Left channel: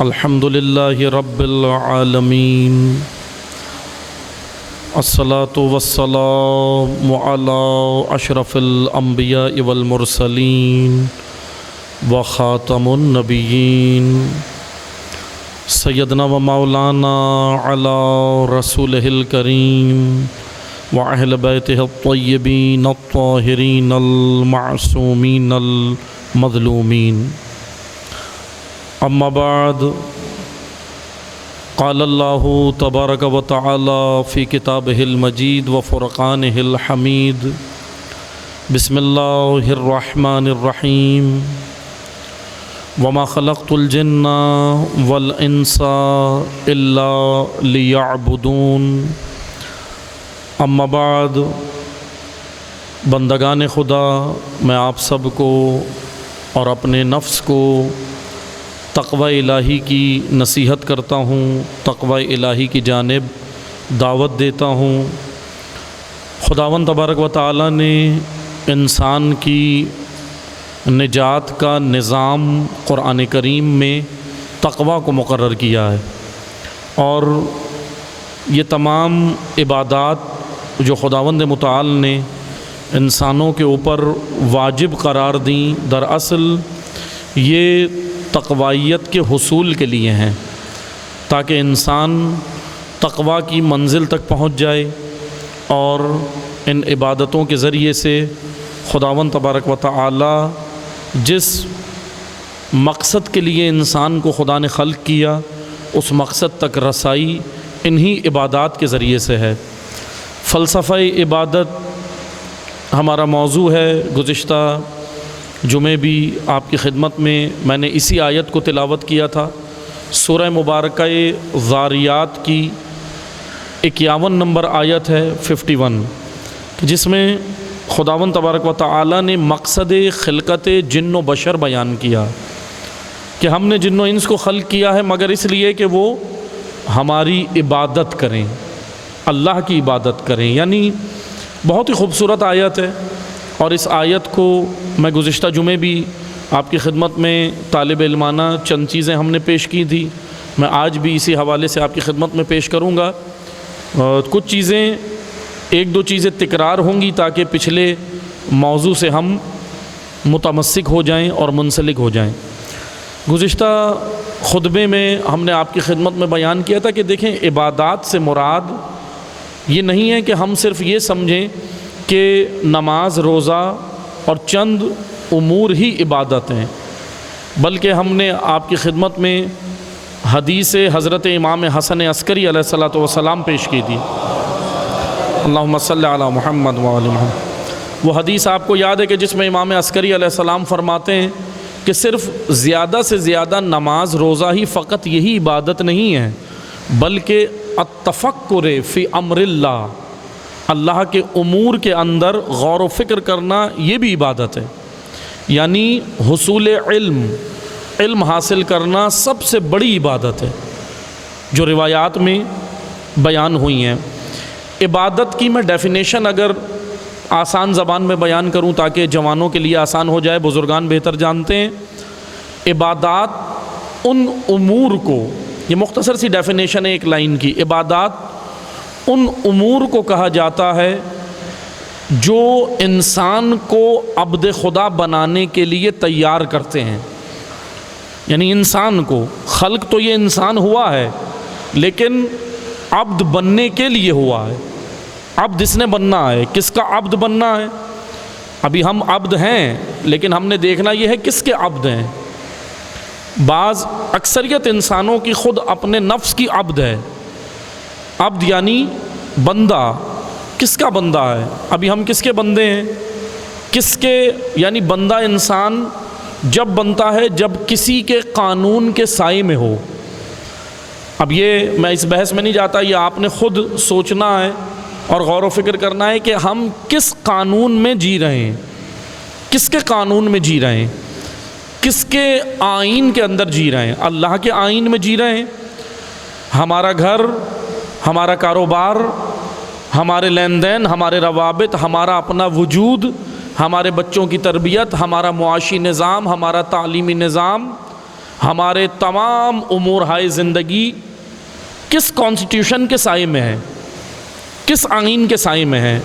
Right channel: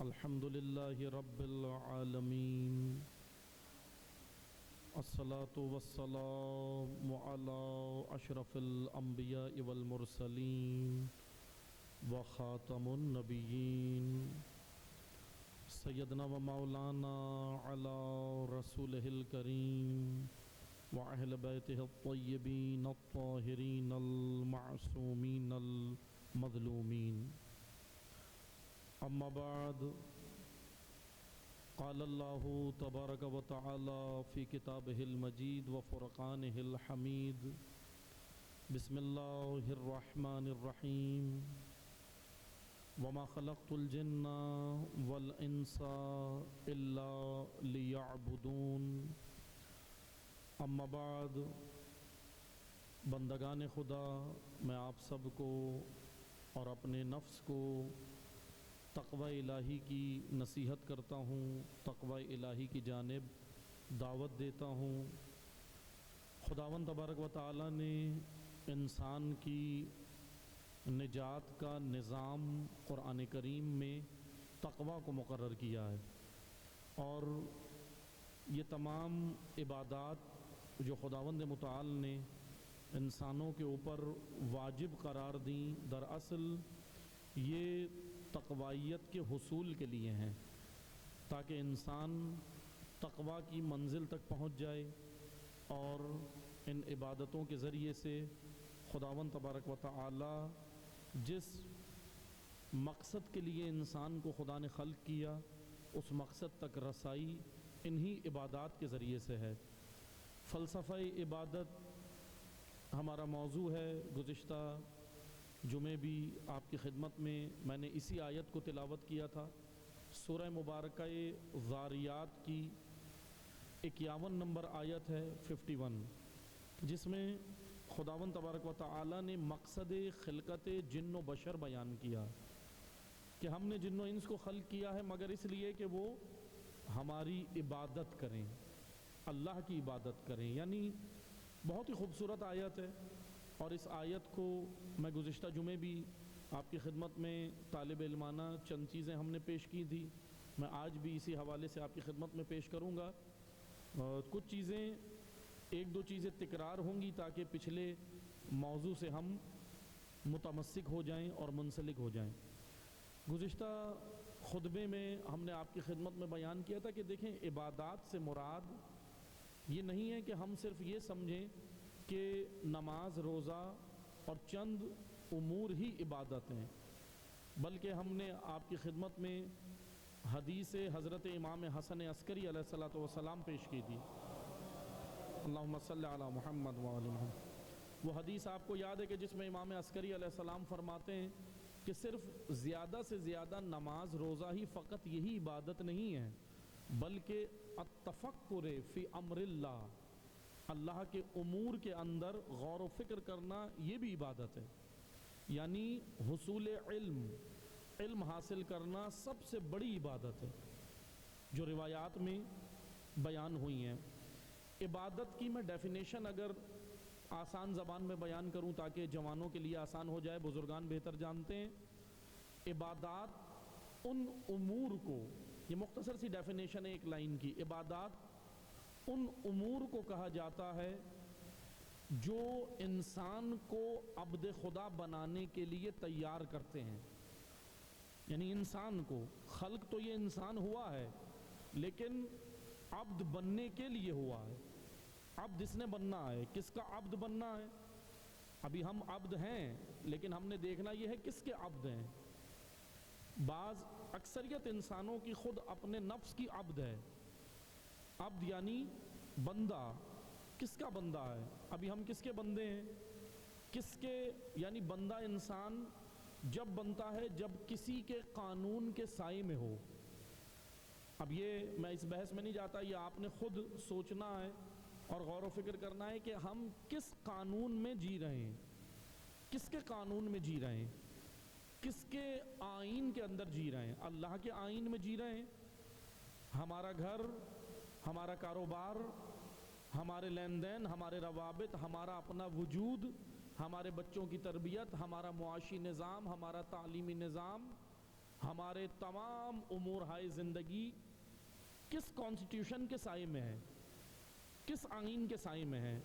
الحمدللہ رب العالمین الصلاۃ والسلام علی اشرف الانبیاء والمرسلین وخاتم النبیین سیدنا و مولانا علی رسولہ الکریم وأہل بیتہ الطیبین الطاہرین المعصومین المظلومین اما بعد قال اللہ تبارک و تعالی فی کتابہ المجید و فرقانہ الحمید بسم اللہ الرحمن الرحیم وما خلقت الجن والانس الا لیعبدون اما بعد بندگان خدا، میں آپ سب کو اور اپنے نفس کو تقوی الہی کی نصیحت کرتا ہوں، تقوی الہی کی جانب دعوت دیتا ہوں۔ خداوند تبارک و تعالی نے انسان کی نجات کا نظام قرآن کریم میں تقوی کو مقرر کیا ہے، اور یہ تمام عبادات جو خداوند متعال نے انسانوں کے اوپر واجب قرار دیں، دراصل یہ تقویت کے حصول کے لیے ہیں، تاکہ انسان تقوی کی منزل تک پہنچ جائے اور ان عبادتوں کے ذریعے سے خداوند تبارک و تعالی جس مقصد کے لیے انسان کو خدا نے خلق کیا، اس مقصد تک رسائی انہی عبادات کے ذریعے سے ہے۔ فلسفہ عبادت ہمارا موضوع ہے۔ گزشتہ جمعے بھی آپ کی خدمت میں نے اسی آیت کو تلاوت کیا تھا، سورہ مبارکہ ذاریات کی 51 نمبر آیت ہے 51، جس میں خداوند تبارک و تعالی نے مقصد خلقت جن و بشر بیان کیا کہ ہم نے جن و انس کو خلق کیا ہے مگر اس لیے کہ وہ ہماری عبادت کریں، اللہ کی عبادت کریں۔ یعنی بہت ہی خوبصورت آیت ہے، اور اس آیت کو میں گزشتہ جمعے بھی آپ کی خدمت میں طالب علمانہ چند چیزیں ہم نے پیش کی تھی، میں آج بھی اسی حوالے سے آپ کی خدمت میں پیش کروں گا۔ کچھ چیزیں، ایک دو چیزیں تکرار ہوں گی تاکہ پچھلے موضوع سے ہم متمسک ہو جائیں اور منسلک ہو جائیں۔ گزشتہ خطبے میں ہم نے آپ کی خدمت میں بیان کیا تھا کہ دیکھیں، عبادات سے مراد یہ نہیں ہے کہ ہم صرف یہ سمجھیں کہ نماز، روزہ اور چند امور ہی عبادت ہیں، بلکہ ہم نے آپ کی خدمت میں حدیث حضرت امام حسن عسکری علیہ السلام پیش کی تھی، اللہم صلی علی محمد وآل محمد۔ وہ حدیث آپ کو یاد ہے کہ جس میں امام عسکری علیہ السلام فرماتے ہیں کہ صرف زیادہ سے زیادہ نماز، روزہ ہی فقط یہی عبادت نہیں ہے، بلکہ التفکر فی امر اللہ، اللہ کے امور کے اندر غور و فکر کرنا، یہ بھی عبادت ہے۔ یعنی حصول علم حاصل کرنا سب سے بڑی عبادت ہے، جو روایات میں بیان ہوئی ہیں۔ عبادت کی میں ڈیفینیشن اگر آسان زبان میں بیان کروں تاکہ جوانوں کے لیے آسان ہو جائے، بزرگان بہتر جانتے ہیں، عبادات ان امور کو، یہ مختصر سی ڈیفینیشن ہے ایک لائن کی، عبادات ان امور کو کہا جاتا ہے جو انسان کو عبد خدا بنانے کے لیے تیار کرتے ہیں۔ یعنی انسان کو، خلق تو یہ انسان ہوا ہے لیکن عبد بننے کے لیے ہوا ہے۔ عبد اس نے بننا ہے، کس کا عبد بننا ہے؟ ابھی ہم عبد ہیں لیکن ہم نے دیکھنا یہ ہے کس کے عبد ہیں۔ اکثریت انسانوں کی خود اپنے نفس کی عبد ہے۔ عبد یعنی بندہ، کس کا بندہ ہے؟ ابھی ہم کس کے بندے ہیں؟ کس کے، یعنی بندہ انسان جب بنتا ہے جب کسی کے قانون کے سائے میں ہو۔ اب یہ میں اس بحث میں نہیں جاتا، یہ آپ نے خود سوچنا ہے اور غور و فکر کرنا ہے کہ ہم کس قانون میں جی رہے ہیں، کس کے قانون میں جی رہے ہیں، کس کے آئین کے اندر جی رہے ہیں؟ اللہ کے آئین میں جی رہے ہیں۔ ہمارا گھر، ہمارا کاروبار، ہمارے لین دین، ہمارے روابط، ہمارا اپنا وجود، ہمارے بچوں کی تربیت، ہمارا معاشی نظام، ہمارا تعلیمی نظام، ہمارے تمام امور ہائے زندگی کس کانسٹیٹیوشن کے سائے میں ہے، کس آئین کے سائے میں ہے،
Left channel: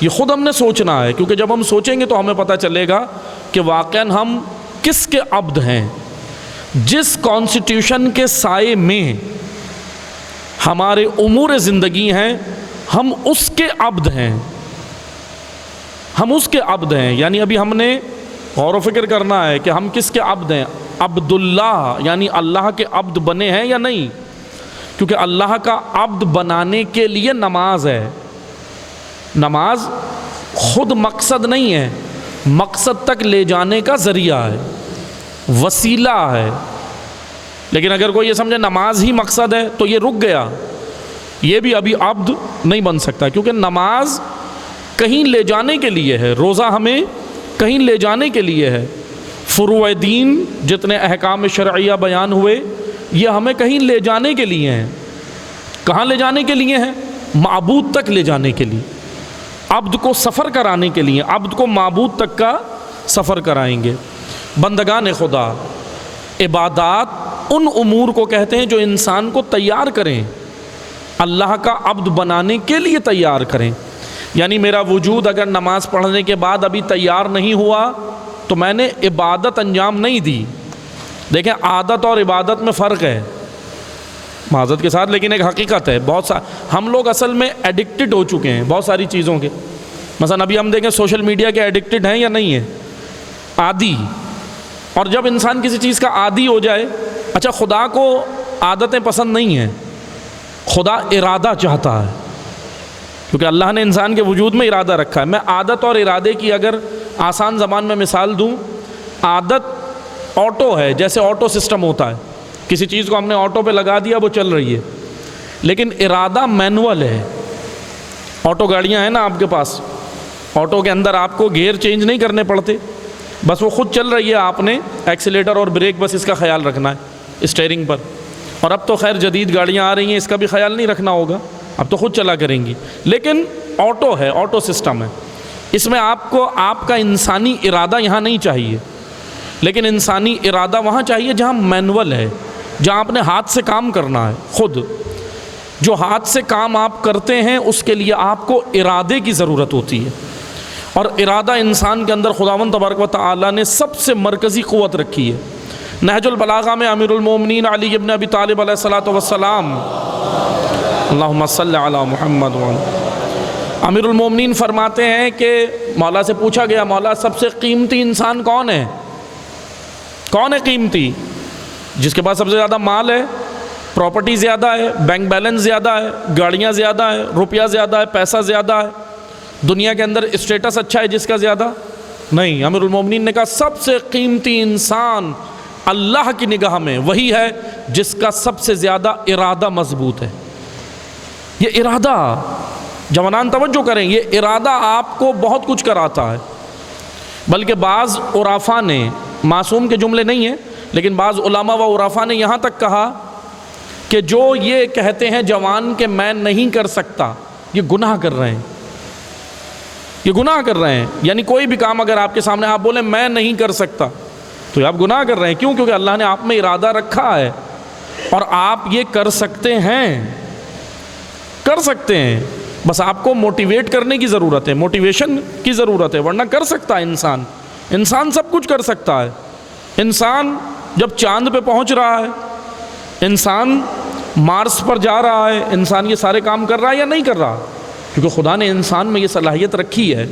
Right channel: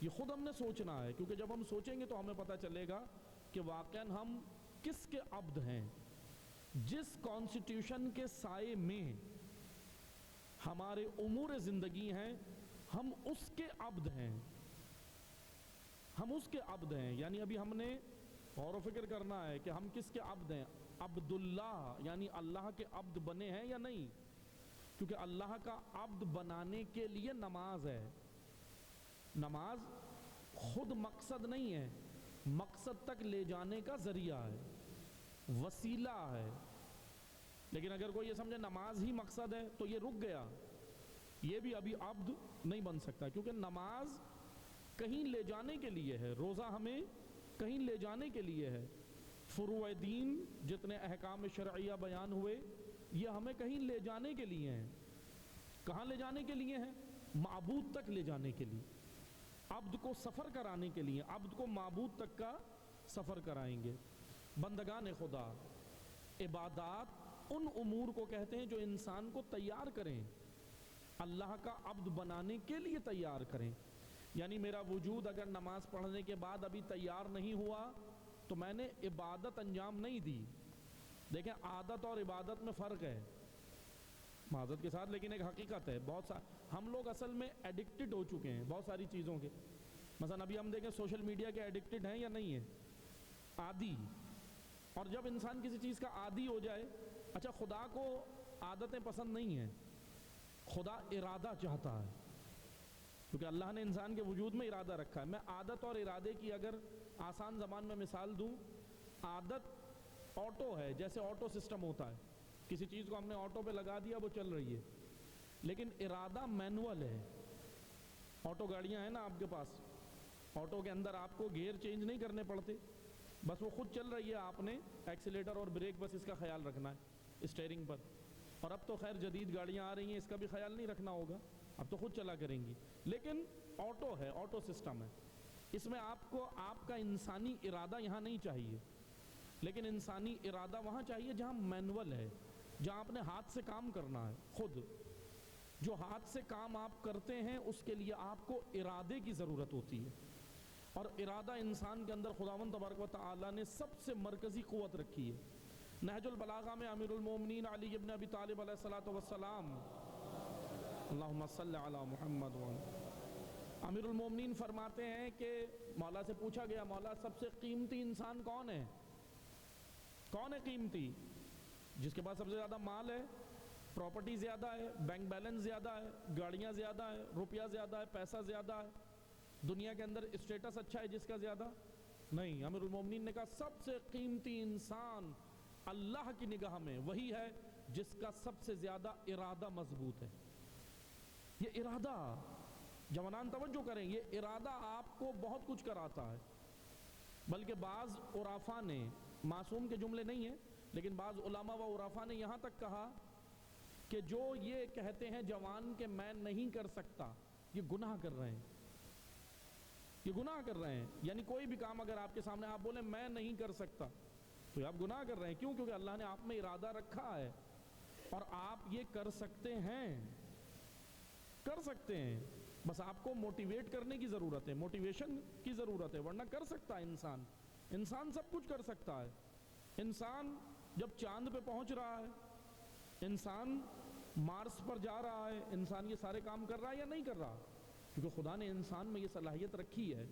یہ خود ہم نے سوچنا ہے، کیونکہ جب ہم سوچیں گے تو ہمیں پتہ چلے گا کہ واقعاً ہم کس کے عبد ہیں۔ جس کانسٹیٹیوشن کے سائے میں ہمارے امور زندگی ہیں، ہم اس کے عبد ہیں، ہم اس کے عبد ہیں۔ یعنی ابھی ہم نے غور و فکر کرنا ہے کہ ہم کس کے عبد ہیں، عبداللہ یعنی اللہ کے عبد بنے ہیں یا نہیں، کیونکہ اللہ کا عبد بنانے کے لیے نماز ہے۔ نماز خود مقصد نہیں ہے، مقصد تک لے جانے کا ذریعہ ہے، وسیلہ ہے۔ لیکن اگر کوئی یہ سمجھے نماز ہی مقصد ہے تو یہ رک گیا، یہ بھی ابھی عبد نہیں بن سکتا، کیونکہ نماز کہیں لے جانے کے لیے ہے، روزہ ہمیں کہیں لے جانے کے لیے ہے، فروع دین جتنے احکام شرعیہ بیان ہوئے یہ ہمیں کہیں لے جانے کے لیے ہیں۔ کہاں لے جانے کے لیے ہیں؟ معبود تک لے جانے کے لیے، عبد کو سفر کرانے کے لیے، عبد کو معبود تک کا سفر کرائیں گے۔ بندگان خدا، عبادات ان امور کو کہتے ہیں جو انسان کو تیار کریں، اللہ کا عبد بنانے کے لیے تیار کریں۔ یعنی میرا وجود اگر نماز پڑھنے کے بعد ابھی تیار نہیں ہوا تو میں نے عبادت انجام نہیں دی۔ دیکھیں عادت اور عبادت میں فرق ہے معذرت کے ساتھ، لیکن ایک حقیقت ہے، ہم لوگ اصل میں ایڈکٹڈ ہو چکے ہیں بہت ساری چیزوں کے۔ مثلا ابھی ہم دیکھیں سوشل میڈیا کے ایڈکٹڈ ہیں یا نہیں ہیں، عادی۔ اور جب انسان کسی چیز کا عادی ہو جائے، اچھا خدا کو عادتیں پسند نہیں ہیں، خدا ارادہ چاہتا ہے، کیونکہ اللہ نے انسان کے وجود میں ارادہ رکھا ہے۔ میں عادت اور ارادے کی اگر آسان زبان میں مثال دوں، عادت آٹو ہے، جیسے آٹو سسٹم ہوتا ہے، کسی چیز کو ہم نے آٹو پہ لگا دیا وہ چل رہی ہے، لیکن ارادہ مینول ہے۔ آٹو گاڑیاں ہیں نا آپ کے پاس، آٹو کے اندر آپ کو گیئر چینج نہیں کرنے پڑتے، بس وہ خود چل رہی ہے، آپ نے ایکسیلیٹر اور بریک بس اس کا خیال رکھنا ہے اسٹیئرنگ پر۔ اور اب تو خیر جدید گاڑیاں آ رہی ہیں، اس کا بھی خیال نہیں رکھنا ہوگا، اب تو خود چلا کریں گی، لیکن آٹو ہے، آٹو سسٹم ہے، اس میں آپ کو آپ کا انسانی ارادہ یہاں نہیں چاہیے، لیکن انسانی ارادہ وہاں چاہیے جہاں مینول ہے، جہاں آپ نے ہاتھ سے کام کرنا ہے۔ خود جو ہاتھ سے کام آپ کرتے ہیں اس کے لیے آپ کو ارادے کی ضرورت ہوتی ہے، اور ارادہ انسان کے اندر خداوند تبارک و تعالیٰ نے سب سے مرکزی قوت رکھی ہے۔ نہج البلاغہ میں امیر المومنین علی ابن ابی طالب علیہ الصلوۃ والسلام، اللہم صلی علی محمد امیر المومنین فرماتے ہیں کہ مولا سے پوچھا گیا، مولا سب سے قیمتی انسان کون ہے؟ کون ہے قیمتی؟ جس کے پاس سب سے زیادہ مال ہے، پراپرٹی زیادہ ہے، بینک بیلنس زیادہ ہے، گاڑیاں زیادہ ہے، روپیہ زیادہ ہے، پیسہ زیادہ ہے، دنیا کے اندر اسٹیٹس اچھا ہے جس کا زیادہ؟ نہیں، امیر المومنین نے کہا سب سے قیمتی انسان اللہ کی نگاہ میں وہی ہے جس کا سب سے زیادہ ارادہ مضبوط ہے۔ یہ ارادہ، جوانان توجہ کریں، یہ ارادہ آپ کو بہت کچھ کراتا ہے۔ بلکہ بعض عرفاء نے، معصوم کے جملے نہیں ہیں لیکن بعض علماء و عرفاء نے یہاں تک کہا کہ جو یہ کہتے ہیں جوان کہ میں نہیں کر سکتا، یہ گناہ کر رہے ہیں، یہ گناہ کر رہے ہیں۔ یعنی کوئی بھی کام اگر آپ کے سامنے آپ بولیں میں نہیں کر سکتا تو یہ آپ گناہ کر رہے ہیں۔ کیوں؟ کیونکہ اللہ نے آپ میں ارادہ رکھا ہے اور آپ یہ کر سکتے ہیں، کر سکتے ہیں، بس آپ کو موٹیویٹ کرنے کی ضرورت ہے، موٹیویشن کی ضرورت ہے، ورنہ کر سکتا ہے انسان۔ انسان سب کچھ کر سکتا ہے۔ انسان جب چاند پہ پہنچ رہا ہے، انسان مارس پر جا رہا ہے، انسان یہ سارے کام کر رہا ہے یا نہیں کر رہا؟ کیونکہ خدا نے انسان میں یہ صلاحیت رکھی ہے،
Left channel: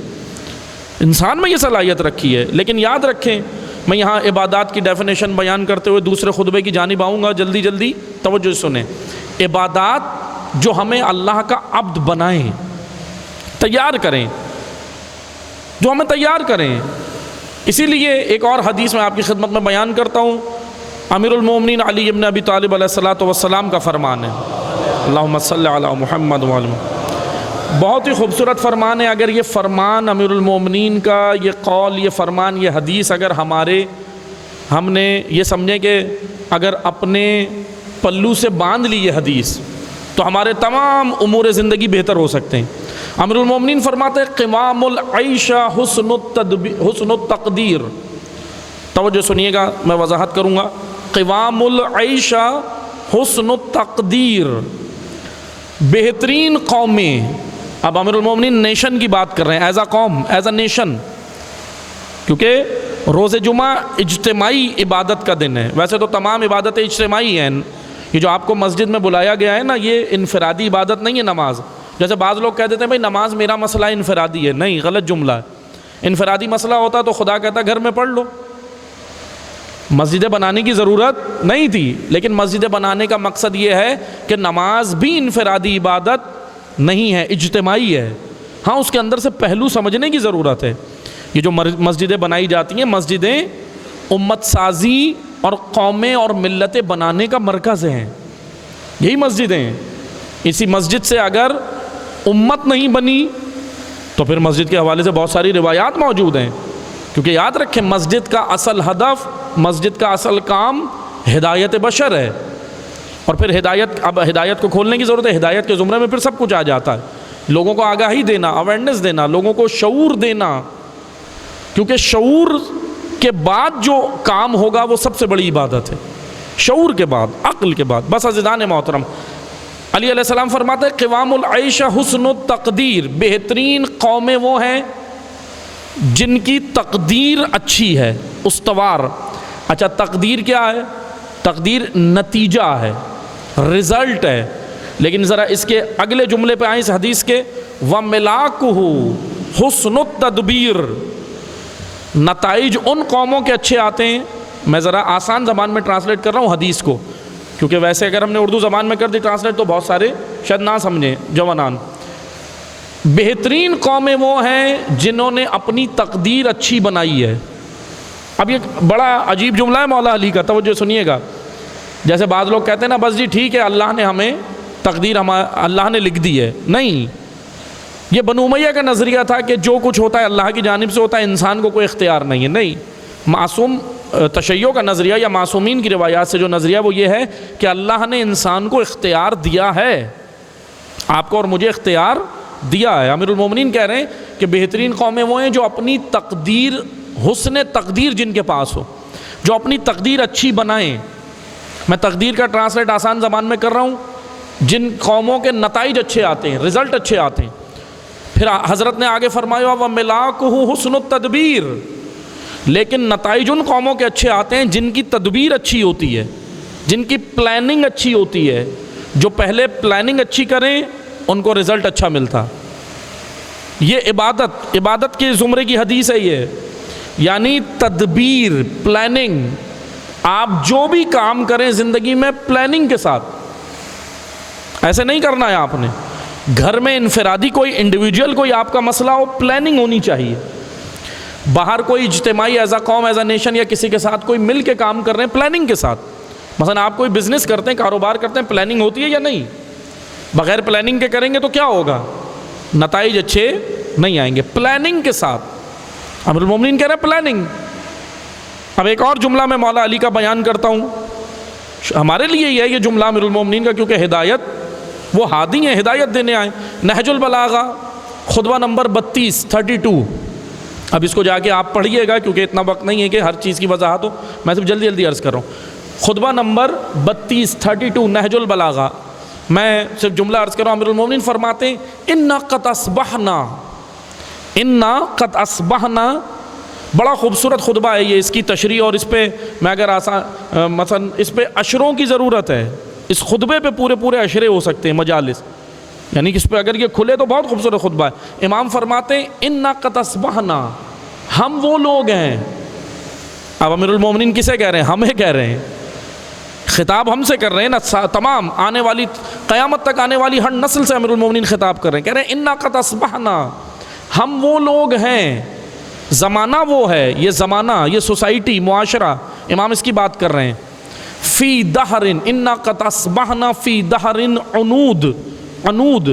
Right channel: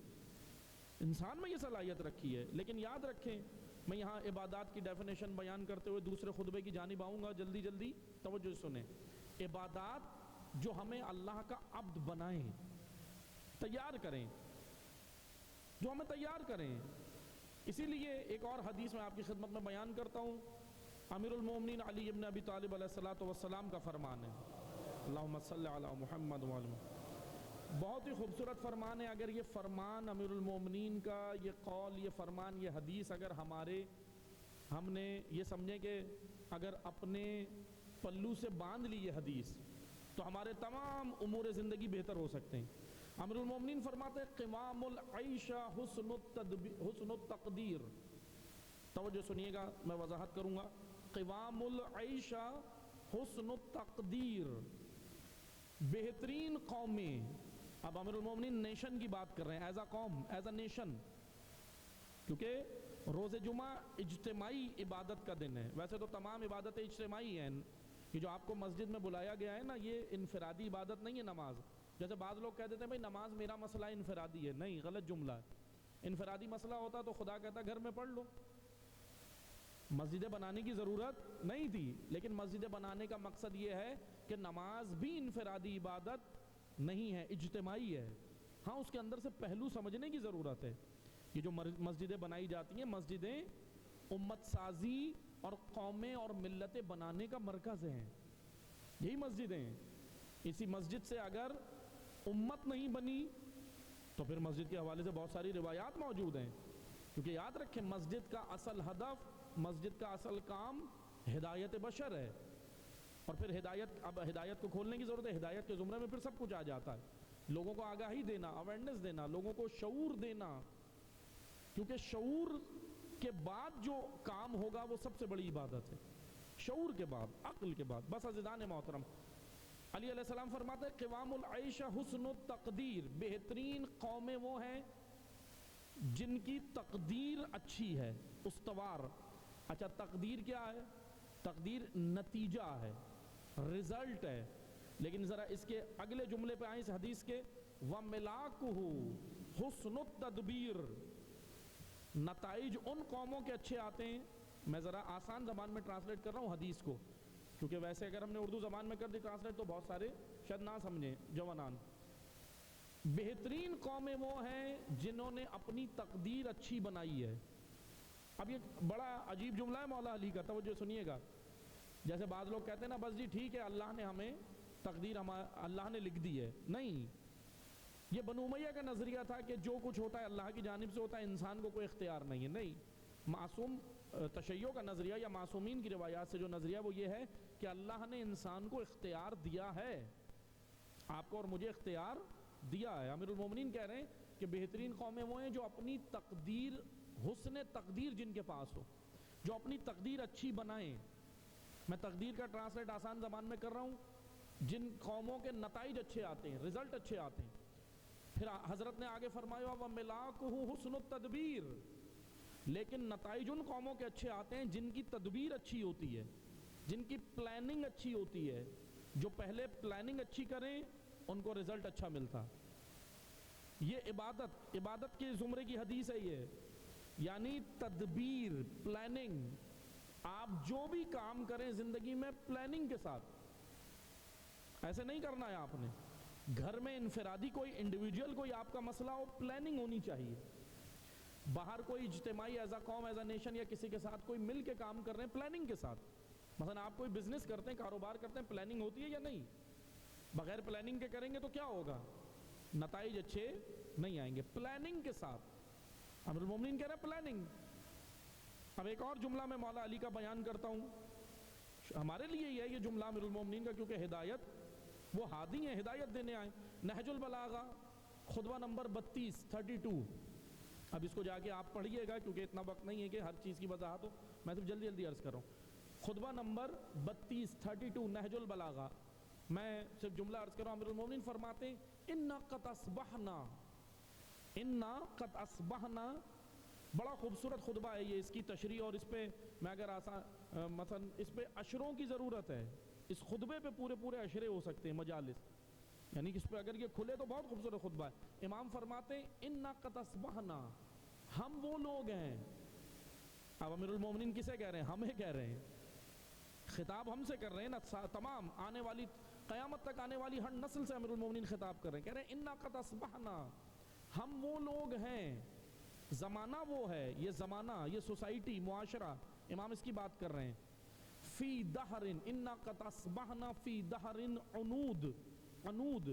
انسان میں یہ صلاحیت رکھی ہے۔ لیکن یاد رکھیں، میں یہاں عبادات کی ڈیفینیشن بیان کرتے ہوئے دوسرے خطبے کی جانب آؤں گا، جلدی جلدی توجہ سنیں۔ عبادات جو ہمیں اللہ کا عبد بنائیں، تیار کریں، جو ہمیں تیار کریں۔ اسی لیے ایک اور حدیث میں آپ کی خدمت میں بیان کرتا ہوں، امیر المومنین علی ابن ابی طالب علیہ الصلوۃ والسلام کا فرمان ہے، اللہم صلی علی محمد وعلی۔ بہت ہی خوبصورت فرمان ہے۔ اگر یہ فرمان امیر المومنین کا، یہ قول، یہ فرمان، یہ حدیث اگر ہم نے یہ سمجھیں کہ اگر اپنے پلو سے باندھ لی یہ حدیث تو ہمارے تمام امور زندگی بہتر ہو سکتے ہیں۔ امیر المومنین فرماتے ہیں قوام العیش حسن التقدیر۔ توجہ سنیے گا، میں وضاحت کروں گا۔ قوام العیش حسن التقدیر، بہترین قومیں. اب امیر المومنین نیشن کی بات کر رہے ہیں، ایز اے قوم، ایز اے نیشن، کیونکہ روز جمعہ اجتماعی عبادت کا دن ہے. ویسے تو تمام عبادتیں اجتماعی ہیں. یہ جو آپ کو مسجد میں بلایا گیا ہے نا، یہ انفرادی عبادت نہیں ہے نماز. جیسے بعض لوگ کہہ دیتے ہیں بھائی نماز میرا مسئلہ انفرادی ہے. نہیں، غلط جملہ ہے. انفرادی مسئلہ ہوتا تو خدا کہتا گھر میں پڑھ لو. مسجدیں بنانے کی ضرورت نہیں تھی، لیکن مسجدیں بنانے کا مقصد یہ ہے کہ نماز بھی انفرادی عبادت نہیں ہے، اجتماعی ہے. ہاں، اس کے اندر سے پہلو سمجھنے کی ضرورت ہے. یہ جو مسجدیں بنائی جاتی ہیں، مسجدیں امت سازی اور قومیں اور ملتیں بنانے کا مرکز ہیں. یہی مسجدیں ہیں. اسی مسجد سے اگر امت نہیں بنی تو پھر مسجد کے حوالے سے بہت ساری روایات موجود ہیں. کیونکہ یاد رکھیں، مسجد کا اصل ہدف، مسجد کا اصل کام ہدایت بشر ہے. اور پھر اب ہدایت کو کھولنے کی ضرورت ہے. ہدایت کے زمرے میں پھر سب کچھ آ جاتا ہے. لوگوں کو آگاہی دینا، اویئرنیس دینا، لوگوں کو شعور دینا. کیونکہ شعور کے بعد جو کام ہوگا وہ سب سے بڑی عبادت ہے. شعور کے بعد، عقل کے بعد. بس عزیزان محترم، علی علیہ السلام فرماتے ہیں قوام العیش حسن التقدیر، بہترین قومیں وہ ہیں جن کی تقدیر اچھی ہے، استوار. اچھا، تقدیر کیا ہے؟ تقدیر نتیجہ ہے، رزلٹ ہے. لیکن ذرا اس کے اگلے جملے پہ آئیں اس حدیث کے، وَمِلَاكُهُ حُسْنُ التَّدْبِيرِ. نتائج ان قوموں کے اچھے آتے ہیں. میں ذرا آسان زبان میں ٹرانسلیٹ کر رہا ہوں حدیث کو، کیونکہ ویسے اگر ہم نے اردو زبان میں کر دی ٹرانسلیٹ تو بہت سارے شاید نہ سمجھیں جوانان. بہترین قومیں وہ ہیں جنہوں نے اپنی تقدیر اچھی بنائی ہے. اب یہ بڑا عجیب جملہ ہے مولا علی کا، توجہ سنیے گا. جیسے بعض لوگ کہتے ہیں نا، بس جی ٹھیک ہے، اللہ نے ہمیں تقدیر اللہ نے لکھ دی ہے. نہیں، یہ بنو امیہ کا نظریہ تھا کہ جو کچھ ہوتا ہے اللہ کی جانب سے ہوتا ہے، انسان کو کوئی اختیار نہیں ہے. نہیں، معصوم تشیع کا نظریہ یا معصومین کی روایات سے جو نظریہ وہ یہ ہے کہ اللہ نے انسان کو اختیار دیا ہے. آپ کو اور مجھے اختیار دیا ہے. امیر المومنین کہہ رہے ہیں کہ بہترین قومیں وہ ہیں جو اپنی تقدیر، حسن تقدیر جن کے پاس ہو، جو اپنی تقدیر اچھی بنائیں. میں تقدیر کا ٹرانسلیٹ آسان زبان میں کر رہا ہوں. جن قوموں کے نتائج اچھے آتے ہیں، رزلٹ اچھے آتے ہیں. پھر حضرت نے آگے فرمایا وَمِلَاكُهُ حُسْنُ التَّدْبِيرِ. لیکن نتائج ان قوموں کے اچھے آتے ہیں جن کی تدبیر اچھی ہوتی ہے، جن کی پلاننگ اچھی ہوتی ہے. جو پہلے پلاننگ اچھی کریں ان کو رزلٹ اچھا ملتا. یہ عبادت کے زمرے کی حدیث ہے یہ. یعنی تدبیر، پلاننگ. آپ جو بھی کام کریں زندگی میں پلاننگ کے ساتھ. ایسے نہیں کرنا ہے آپ نے. گھر میں انفرادی کوئی انڈیویجول کوئی آپ کا مسئلہ ہو، پلاننگ ہونی چاہیے. باہر کوئی اجتماعی ایز اے قوم، ایز اے نیشن یا کسی کے ساتھ کوئی مل کے کام کر رہے ہیں پلاننگ کے ساتھ. مثلا آپ کوئی بزنس کرتے ہیں، کاروبار کرتے ہیں، پلاننگ ہوتی ہے یا نہیں؟ بغیر پلاننگ کے کریں گے تو کیا ہوگا؟ نتائج اچھے نہیں آئیں گے. پلاننگ کے ساتھ. امیر المومنین کہہ رہے ہیں پلاننگ. اب ایک اور جملہ میں مولا علی کا بیان کرتا ہوں. ہمارے لیے یہ ہے یہ جملہ امیر المومنین کا، کیونکہ ہدایت، وہ ہادی ہیں، ہدایت دینے آئے. نہج البلاغہ خطبہ نمبر 32. اب اس کو جا کے آپ پڑھیے گا، کیونکہ اتنا وقت نہیں ہے کہ ہر چیز کی وضاحت ہو. میں صرف جلدی جلدی عرض کر رہا ہوں. خطبہ نمبر 32 نہج البلاغہ. میں صرف جملہ عرض کر رہا ہوں. امیر المومنین فرماتے ہیں اِنَّا قَدْ أَصْبَحْنَا. بڑا خوبصورت خطبہ ہے یہ. اس کی تشریح اور اس پہ میں اگر مثلا اس پہ اشروں کی ضرورت ہے. اس خطبے پہ پورے اشرے ہو سکتے ہیں، مجالس. یعنی کہ اس پہ اگر یہ کھلے تو بہت خوبصورت خطبہ ہے. امام فرماتے ہیں اِنَّا قَدْ أَصْبَحْنَا. ہم وہ لوگ ہیں. اب امیر المومنین کسے کہہ رہے ہیں؟ ہمیں کہہ رہے ہیں. خطاب ہم سے کر رہے ہیں نا. تمام آنے والی قیامت تک آنے والی ہر نسل سے امیر المومنین خطاب کر رہے ہیں. کہہ رہے ہیں اِنَّا قَدْ أَصْبَحْنَا. ہم وہ لوگ ہیں. زمانہ وہ ہے، یہ زمانہ، یہ سوسائٹی، معاشرہ. امام اس کی بات کر رہے ہیں. فی دہر اِنَّا قَدْ أَصْبَحْنَا فی دہر عنود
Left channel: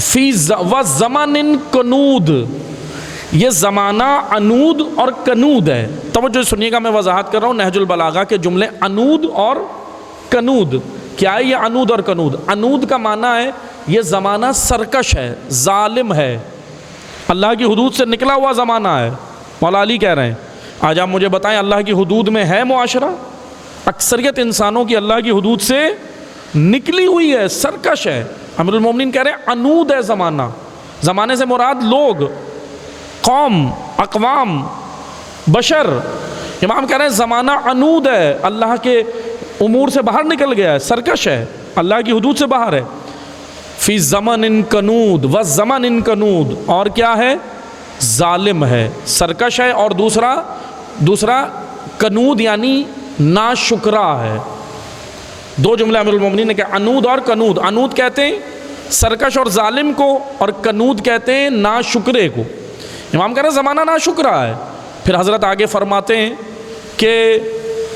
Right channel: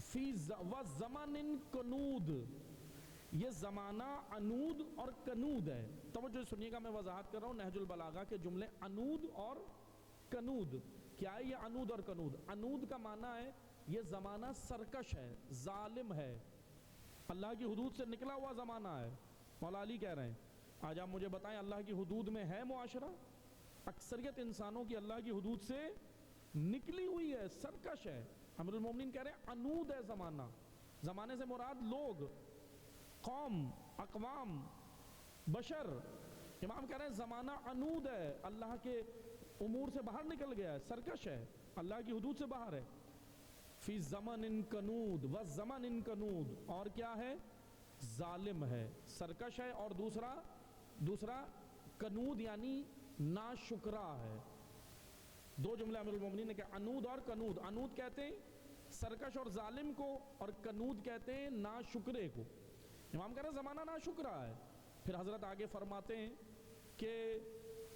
فی وَزَمَنٍ کنود. یہ زمانہ عنود اور کنود ہے. توجہ سنیے گا، میں وضاحت کر رہا ہوں. نہج البلاغہ کے جملے عنود اور کنود. کیا ہے یہ عنود اور کنود؟ عنود کا معنی ہے یہ زمانہ سرکش ہے، ظالم ہے، اللہ کی حدود سے نکلا ہوا زمانہ ہے. مولا علی کہہ رہے ہیں آج آپ مجھے بتائیں اللہ کی حدود میں ہے معاشرہ؟ اکثریت انسانوں کی اللہ کی حدود سے نکلی ہوئی ہے، سرکش ہے۔ امیر المومنین کہہ رہے ہیں عنود ہے زمانہ، زمانے سے مراد لوگ، قوم، اقوام، بشر۔ امام کہہ رہے ہیں زمانہ عنود ہے، اللہ کے امور سے باہر نکل گیا ہے، سرکش ہے، اللہ کی حدود سے باہر ہے۔ فی زمن کنود و زمن کنود، اور کیا ہے؟ ظالم ہے، سرکش ہے، اور دوسرا کنود یعنی ناشکرا ہے۔ دو جملے امیر المومنین نے کہا، عنود اور کنود۔ عنود کہتے ہیں سرکش اور ظالم کو، اور کنود کہتے ہیں ناشکرے کو۔ امام کہہ رہے ہیں زمانہ ناشکرا ہے۔ پھر حضرت آگے فرماتے ہیں کہ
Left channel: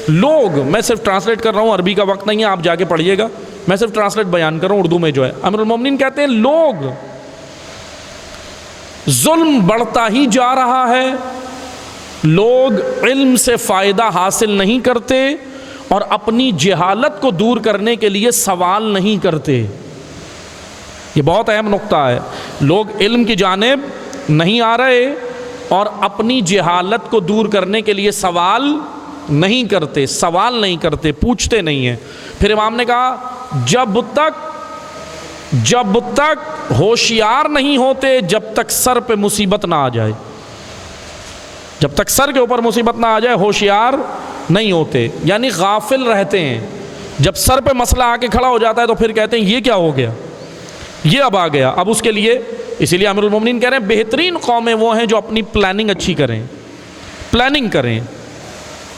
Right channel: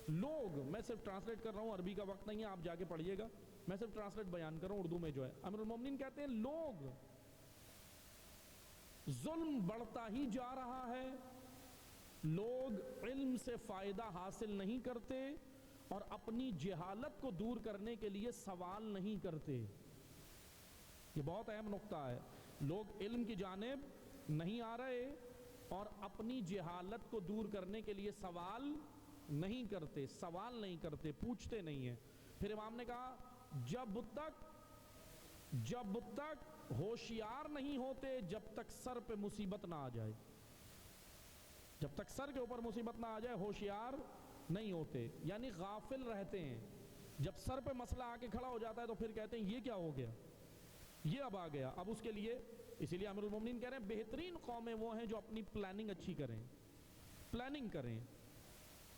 لوگ، میں صرف ٹرانسلیٹ کر رہا ہوں، عربی کا وقت نہیں ہے، آپ جا کے پڑھیے گا، میں صرف ٹرانسلیٹ بیان کر رہا ہوں اردو میں جو ہے۔ امیر المومنین کہتے ہیں لوگ، ظلم بڑھتا ہی جا رہا ہے، لوگ علم سے فائدہ حاصل نہیں کرتے اور اپنی جہالت کو دور کرنے کے لیے سوال نہیں کرتے۔ یہ بہت اہم نقطہ ہے، لوگ علم کی جانب نہیں آ رہے اور اپنی جہالت کو دور کرنے کے لیے سوال نہیں کرتے، پوچھتے نہیں ہیں۔ پھر امام نے کہا جب تک ہوشیار نہیں ہوتے، جب تک سر پہ مصیبت نہ آ جائے، جب تک سر کے اوپر مصیبت نہ آ جائے ہوشیار نہیں ہوتے، یعنی غافل رہتے ہیں۔ جب سر پہ مسئلہ آ کے کھڑا ہو جاتا ہے تو پھر کہتے ہیں یہ کیا ہو گیا، یہ اب آ گیا، اب اس کے لیے، اسی لیے امیر المومنین کہہ رہے ہیں بہترین قومیں وہ ہیں جو اپنی پلاننگ اچھی کریں،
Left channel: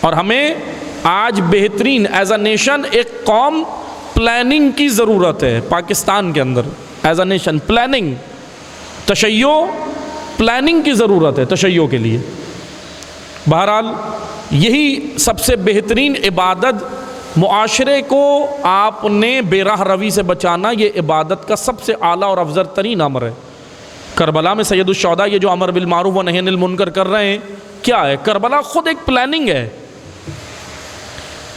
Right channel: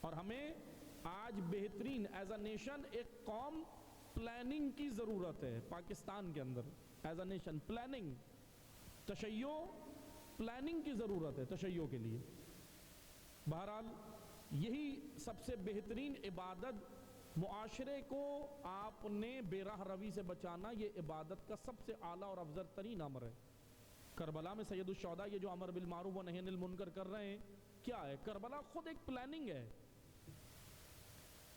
اور ہمیں آج بہترین ایز اے نیشن ایک قوم پلاننگ کی ضرورت ہے۔ پاکستان کے اندر ایز اے نیشن پلاننگ، تشیع، پلاننگ کی ضرورت ہے تشیع کے لیے۔ بہرحال یہی سب سے بہترین عبادت، معاشرے کو آپ نے بے راہ روی سے بچانا، یہ عبادت کا سب سے اعلیٰ اور افضل ترین امر ہے۔ کربلا میں سید الشہداء یہ جو امر بالمعروف و نہی عن المنکر کر رہے ہیں، کیا ہے؟ کربلا خود ایک پلاننگ ہے۔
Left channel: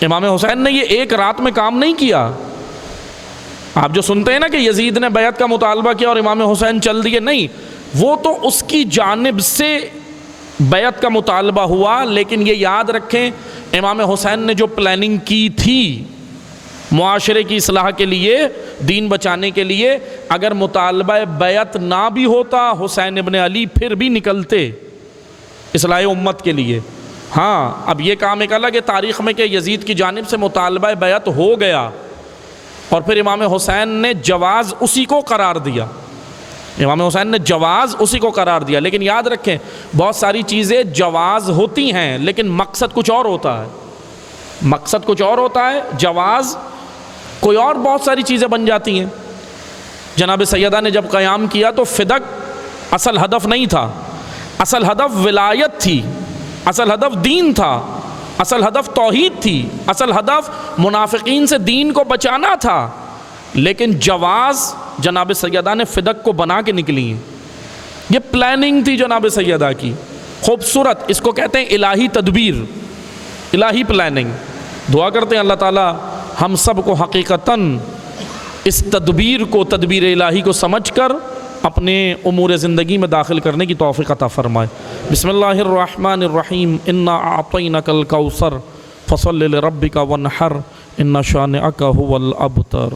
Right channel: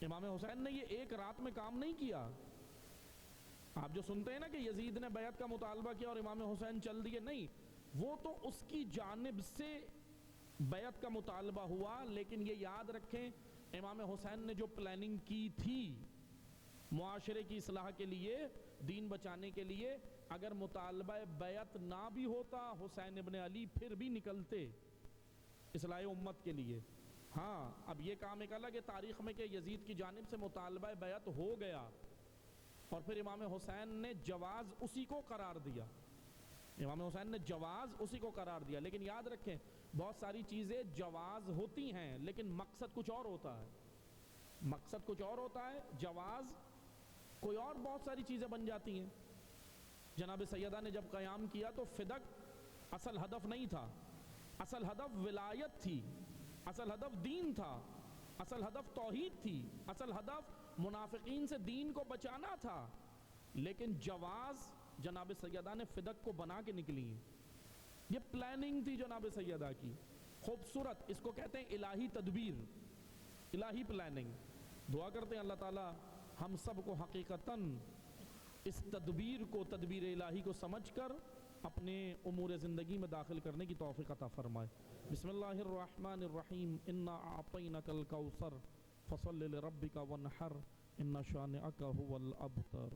امام حسین نے یہ ایک رات میں کام نہیں کیا۔ آپ جو سنتے ہیں نا کہ یزید نے بیعت کا مطالبہ کیا اور امام حسین چل دیے، نہیں، وہ تو اس کی جانب سے بیعت کا مطالبہ ہوا، لیکن یہ یاد رکھیں امام حسین نے جو پلاننگ کی تھی معاشرے کی اصلاح کے لیے، دین بچانے کے لیے، اگر مطالبہ بیعت نہ بھی ہوتا حسین ابن علی پھر بھی نکلتے اصلاح امت کے لیے۔ ہاں، اب یہ کام ایک الگ ہے تاریخ میں کہ یزید کی جانب سے مطالبہ بیعت ہو گیا اور پھر امام حسین نے جواز اسی کو قرار دیا، لیکن یاد رکھیں بہت ساری چیزیں جواز ہوتی ہیں لیکن مقصد کچھ اور ہوتا ہے، جواز کوئی اور بہت ساری چیزیں بن جاتی ہیں۔ جناب سیدہ نے جب قیام کیا تو فدق اصل ہدف نہیں تھا، اصل ہدف ولایت تھی، اصل ہدف دین تھا، اصل ہدف توحید تھی، اصل ہدف منافقین سے دین کو بچانا تھا، لیکن جواز جناب سیدہ نے فدق کو بنا کے نکلی ہیں۔ یہ پلاننگ تھی جناب سیدہ کی، خوبصورت، اس کو کہتے ہیں الہی تدبیر، الہی پلاننگ۔ دعا کرتے ہیں اللہ تعالیٰ ہم سب کو حقیقتاً اس تدبیر کو، تدبیر الہی کو سمجھ کر اپنے امور زندگی میں داخل کرنے کی توفیق عطا فرمائے۔ بسم اللہ الرحمن الرحیم، انا اعطینک الکوثر فصل لربک وانحر ان شانئک ھو الابتر۔